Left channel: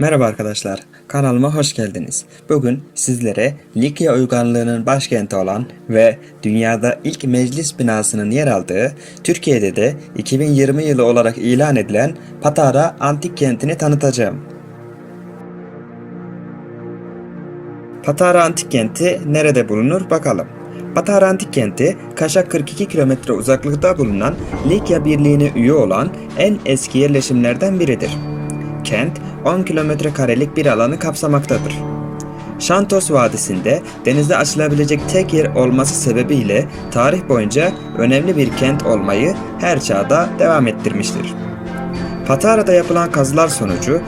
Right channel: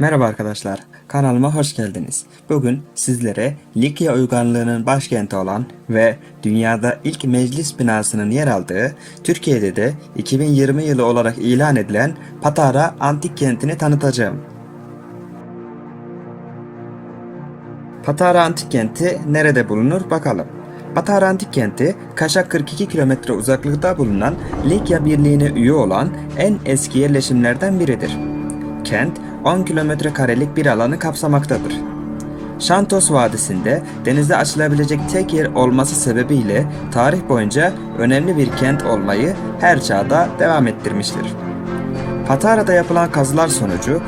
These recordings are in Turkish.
Merhaba arkadaşlar, kanalıma hoş geldiniz. Bugün sizlere Likya uygarlığının başkenti olan ve dünyada ilk meclis binasının yer aldığı, Türkiye'de de 2020 yılı olarak ilan edilen Patara Antik Kenti'ni tanıtacağım. Patara Antik Kenti nerede bulunur bakalım. Patara Antik Kenti, Kaş'a 42 kilometre uzaklıkta bulunan Likya Birliği'ne üye olan en eski yerleşimlerden biridir. Kent 10 kilometre karelik bir alanı kapsamaktadır. Şantos Vadisi'nde denizde açılabilecek tek yer olması sebebiyle tarih boyunca önemli bir kent olmayı her çağda devam ettirmiştir. Patara'da yapılan kazılar sonucu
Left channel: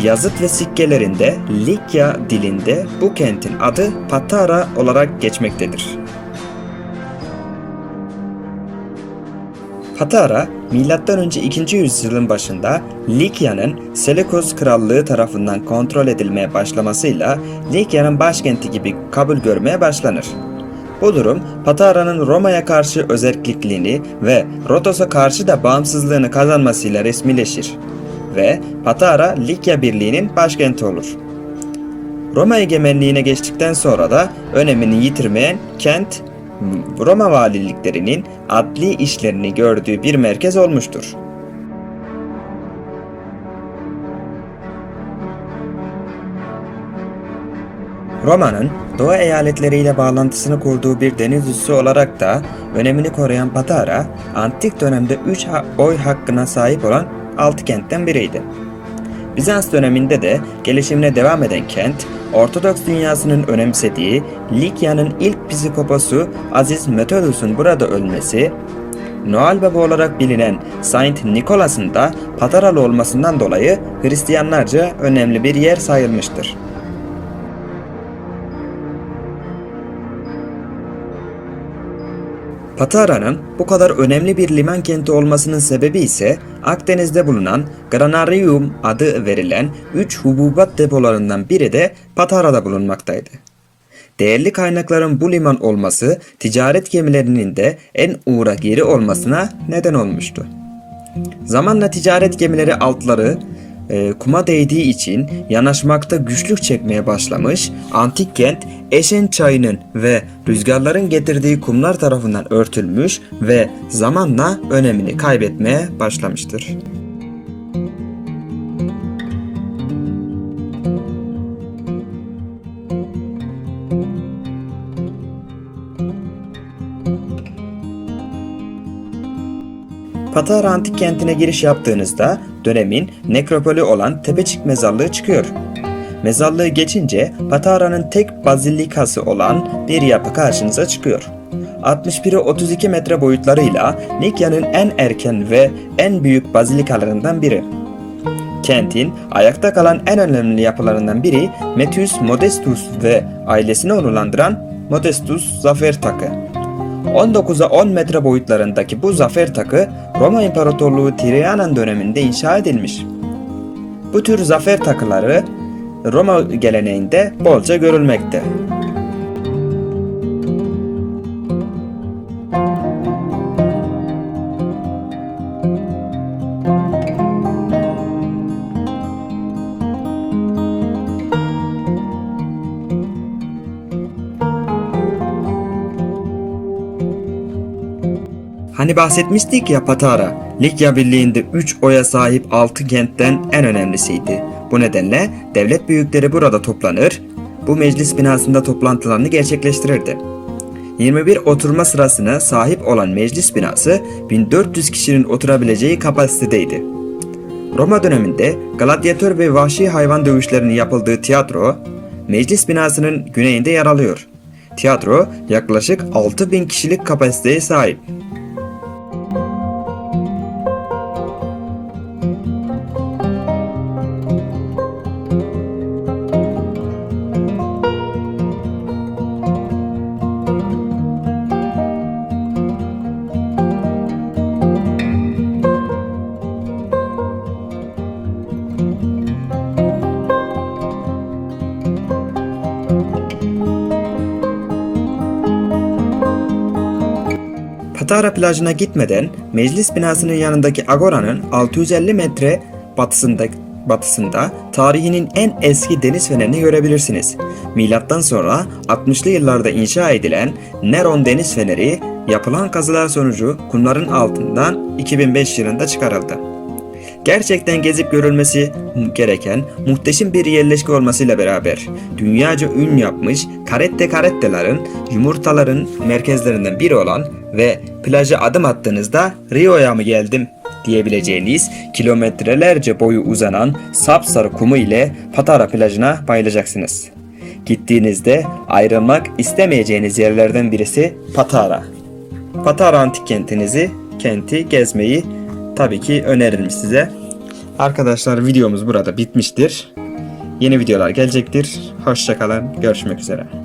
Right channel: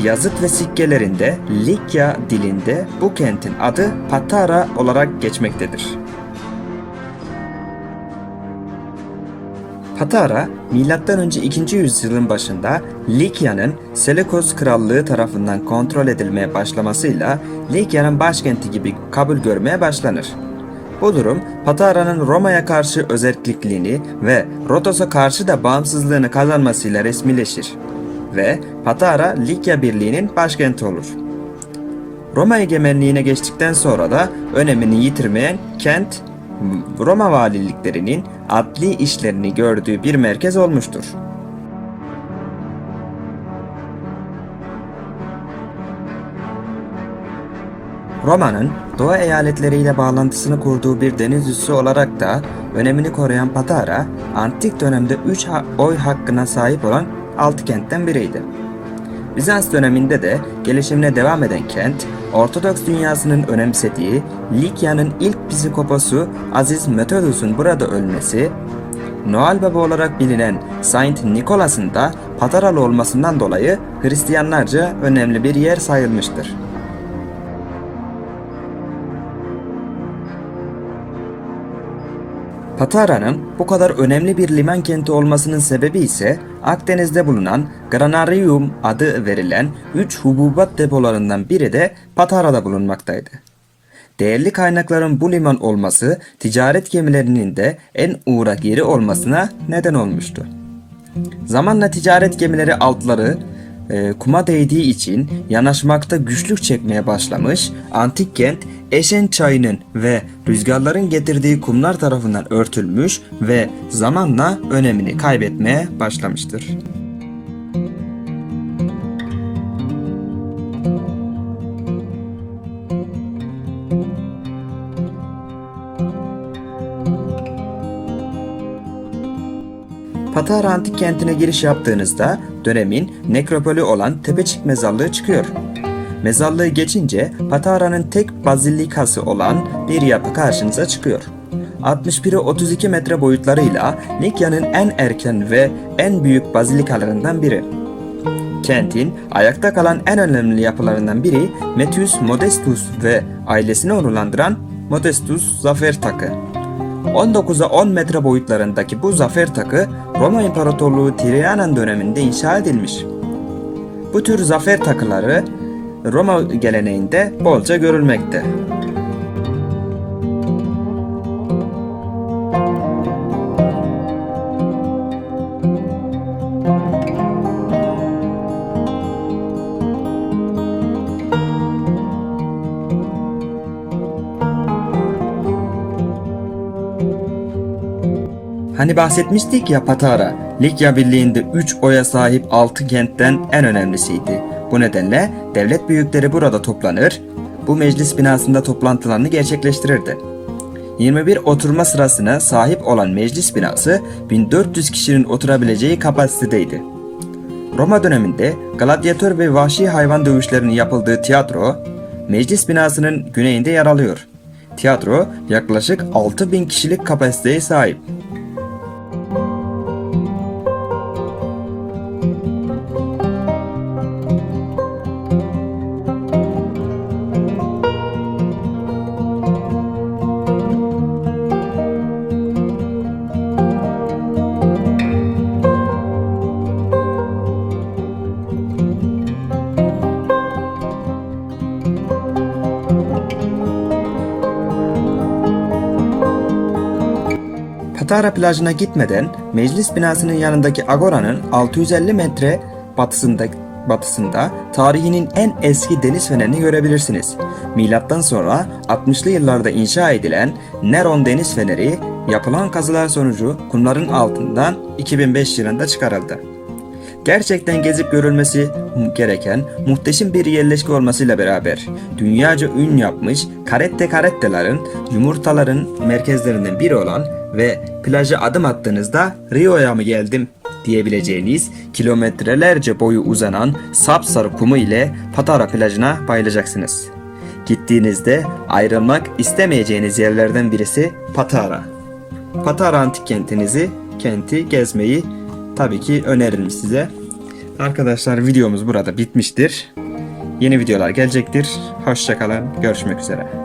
yazıt ve sikkelerinde Likya dilinde bu kentin adı Patara olarak geçmektedir. Patara, M.Ö. 2. yüzyılın başında Likya'nın Seleukos Krallığı tarafından kontrol edilmeye başlamasıyla Likya'nın başkenti gibi kabul görmeye başlanır. Bu durum Patara'nın Roma'ya karşı özellikliğini ve Rodos'a karşı da bağımsızlığını kazanmasıyla resmileşir ve Patara Likya Birliği'nin başkenti olur. Roma egemenliğine geçtikten sonra da önemini yitirmeyen kent Roma valiliklerinin adli işlerini gördüğü bir merkez olmuştur. Roma'nın Doğu eyaletleriyle bağlantısını kurduğu bir deniz üssü olarak da önemini koruyan Patara, antik dönemde 3 oy hakkına sahip olan 6 kentten biriydi. Bizans döneminde de gelişimine devam eden kent, Ortodoks dünyasının önemsediği Likya'nın ilk psikoposu Aziz Methodus'un burada ölmesi, Noel Baba olarak bilinen Saint Nicholas'ın da Pataralı olmasından dolayı Hristiyanlarca önemli bir yer sayılmıştır. Patara'nın bu kadar önemli bir liman kenti olmasının sebebi ise Akdeniz'de bulunan Granarium adı verilen 3 hububat depolarından biri de Patara'da bulunmaktaydı. Değerli kaynakların bu liman olması ticaret gemilerinin de en uğrak yeri olmasına neden olmuştu. Zamanla ticaret gemileri altları e, kuma değdiği için yanaşmakta güçlük çekmeye başlamış, antik kent Eşen çayının ve rüzgarların getirdiği kumlar tarafından örtülmüş ve zamanla önemini kaybetmeye başlamıştır. Patara Antik Kenti'ne giriş yaptığınızda dönemin nekropolü olan Tepecik Mezarlığı çıkıyor. Mezarlığı geçince Patara'nın tek bazilikası olan bir yapı karşınıza çıkıyor. 61'e 32 metre boyutlarıyla Likya'nın en erken ve en büyük bazilikalarından biri. Kentin ayakta kalan en önemli yapılarından biri Metius Modestus ve ailesini onurlandıran Modestus Zafer Takı. 19'a 10 metre boyutlarındaki bu zafer takı Roma İmparatorluğu Trajan döneminde inşa edilmiş. Bu tür zafer takıları Roma geleneğinde bolca görülmekte. Hani bahsetmiştik ya Patara, Likya Birliği'nde 3 oya sahip 6 kentten en önemlisiydi. Bu nedenle devlet büyükleri burada toplanır, bu meclis binasında toplantılarını gerçekleştirirdi. 21 oturma sırasına sahip olan meclis binası 1400 kişinin oturabileceği kapasitedeydi. Roma döneminde gladyatör ve vahşi hayvan dövüşlerinin yapıldığı tiyatro, meclis binasının güneyinde yer alıyor. Tiyatro yaklaşık 6000 kişilik kapasiteye sahip. Patara plajına gitmeden meclis binasının yanındaki Agora'nın 650 metre batısında batısında tarihinin en eski deniz fenerini görebilirsiniz. Milattan sonra 60'lı yıllarda inşa edilen Neron Deniz Feneri yapılan kazılar sonucu kumların altından 2005 yılında çıkarıldı. Gerçekten gezip görülmesi gereken muhteşem bir yerleşke olmasıyla beraber dünyaca ün yapmış Carette Carette'ların yumurtaların merkezlerinden biri olan ve plaja adım attığınızda Rio'ya mı geldim diyebileceğiniz kilometrelerce boyu uzanan sapsarı kumu ile Patara plajına bayılacaksınız. Gittiğinizde ayrılmak istemeyeceğiniz yerlerden birisi Patara. Patara antik kentinizi, kenti gezmeyi tabii ki öneririm size. Arkadaşlar videomuz burada bitmiştir. Yeni videolar gelecektir. Hoşçakalın. Görüşmek üzere.